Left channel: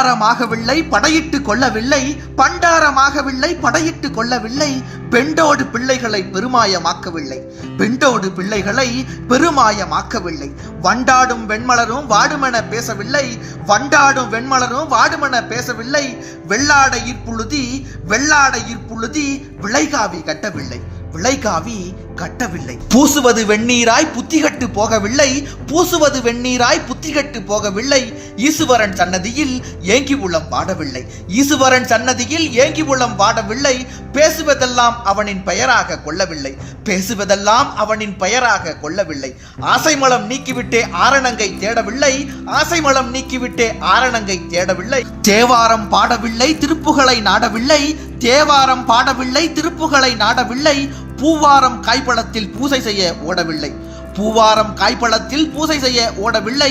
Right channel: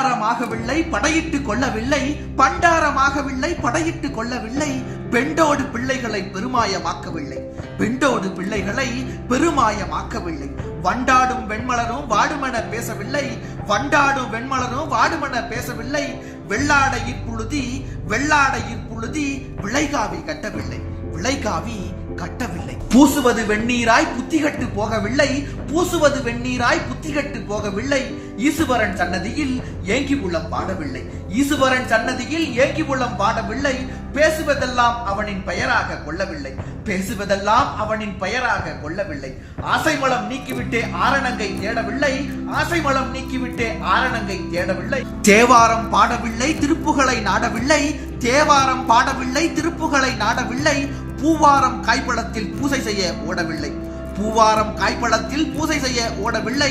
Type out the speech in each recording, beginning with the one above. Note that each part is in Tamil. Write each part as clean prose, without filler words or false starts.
பண்டாரமாகவில்லை படையிட்டு கொள்ளவில்லை, பண்டாரமாகவில்லை படையிட்டு கொள்ளவில்லை, பெண்டோடு பிள்ளைகளை பெருமாயமாக்கவில்லை, பெண்டோடு பிள்ளைகளை பெருமாயமாக்கவில்லை. வண்டாடும் வெண்மலரும் வாடுமென பேசவில்லை, வண்டாடும் வெண்மலரும் வாடுமென பேசவில்லை, வெள்ளாடையிற் புழுதி வெள்ளாடையிற் புழுதி விளைகாவி கட்டவில்லை, விளைகாவி கட்டவில்லை. பூசுவது வெந்நீராய் புத்திகட்டு போகவில்லை, பூசுவது வெந்நீராய் புத்திகட்டு போகவில்லை, ஈசுவரன் சன்னதியில் ஏங்கி உள்ளம் பாடவில்லை, ஈசுவரன் சன்னதியில் ஏங்கி உள்ளம் பாடவில்லை, பேசுவதெல்லாம் அவனின் பெயராக கொள்ளவில்லை, பேசுவதெல்லாம் அவனின் பெயராக கொள்ளவில்லை. ஆசைமலம் நீக்கிவிட்டே ஆரணங்கை தேடவில்லை, ஆசைமலம் நீக்கிவிட்டே ஆரணங்கை தேடவில்லை. தேவாரம் பாடவில்லை திருப்புகளை நாடவில்லை, தேவாரம் பாடவில்லை திருப்புகளை நாடவில்லை, பூவாரம் காய்பழத்தில் பூசை செய்ய ஓடவில்லை, பூவாரம் காய்பழத்தில் பூசை செய்ய ஓடவில்லை.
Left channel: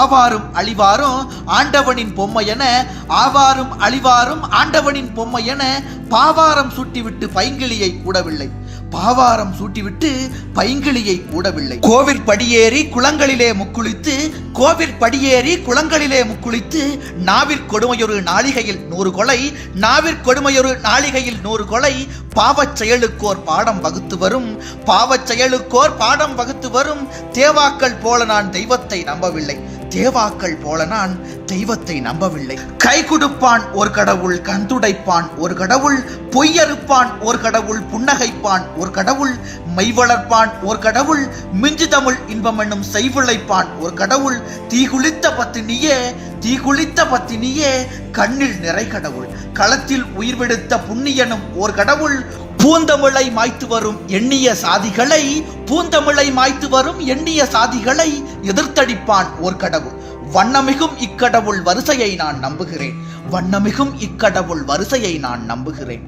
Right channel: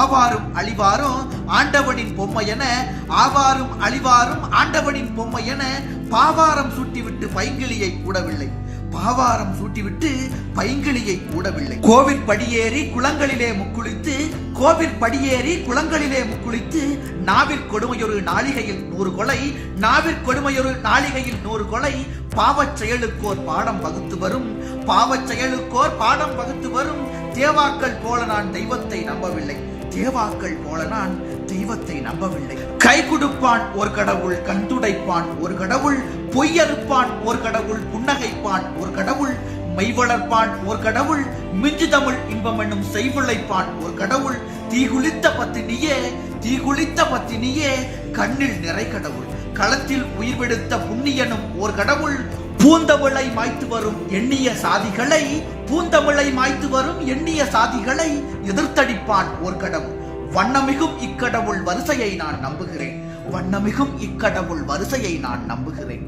ஆவாரும் அழிவாரும் ஆண்டவனின் பொம்மையென, ஆவாரும் அழிவாரும் ஆண்டவனின் பொம்மையென, பாவாரம் சுட்டிவிட்டு பைங்கிளியை கூடவில்லை, பாவாரம் சூட்டிவிட்டு பைங்கிளியை கூடவில்லை. கோவில் படியேறி குளங்களிலே முக்குளித்து, கோவில் படியேறி குளங்களிலே முக்குளித்து, நாவில் கொடுமையொரு நாளிகையில் 100 கொலை, நாவில் கொடுமையொரு நாளிகையில் 100 கொலை, பாவச் செயலுக்கோர் பாடம் வகுத்து வரும், பாவச் செயலுக்கோர் பாடம் வகுத்து வரும். தேவாக்கள் போல நான் தெய்வத்தை நம்பவில்லை, தேவாக்கள் போல நான் தெய்வத்தை நம்பவில்லை. கை கொடுப்பான் ஒரு கடவுள், கந்துடைப்பான் ஒரு கடவுள், பொய்யறுப்பான் ஒரு கடவுள், புன்னகைப்பான் ஒரு கடவுள், மெய் வளர்ப்பான் ஒரு கடவுள், மிஞ்சு தமிழ் இன்பம் என்னும் செய்விளைப்பான் ஒரு கடவுள், தீகுளித்த பத்தினியே தீகுளித்த பத்தினியே கண்ணில் நிறை கடவுள், களத்தில் உயிர் விடுத்த புண்ணியனும் ஒரு கடவுள், பூந்தமிழை மாய்த்து வரும் எண்ணிய சாதிகளை, பூந்தமிழை மாய்த்து வரும் எண்ணிய சாதிகளை எதிர்த்தடிப்பான் ஓர் கடவுள். வண்ணமிகும் இக்கடவுள் வரிசையை நான் நம்புகிறேன், வண்ணமிகும் இக்கடவுள் வரிசையை நான் நம்புகிறேன்.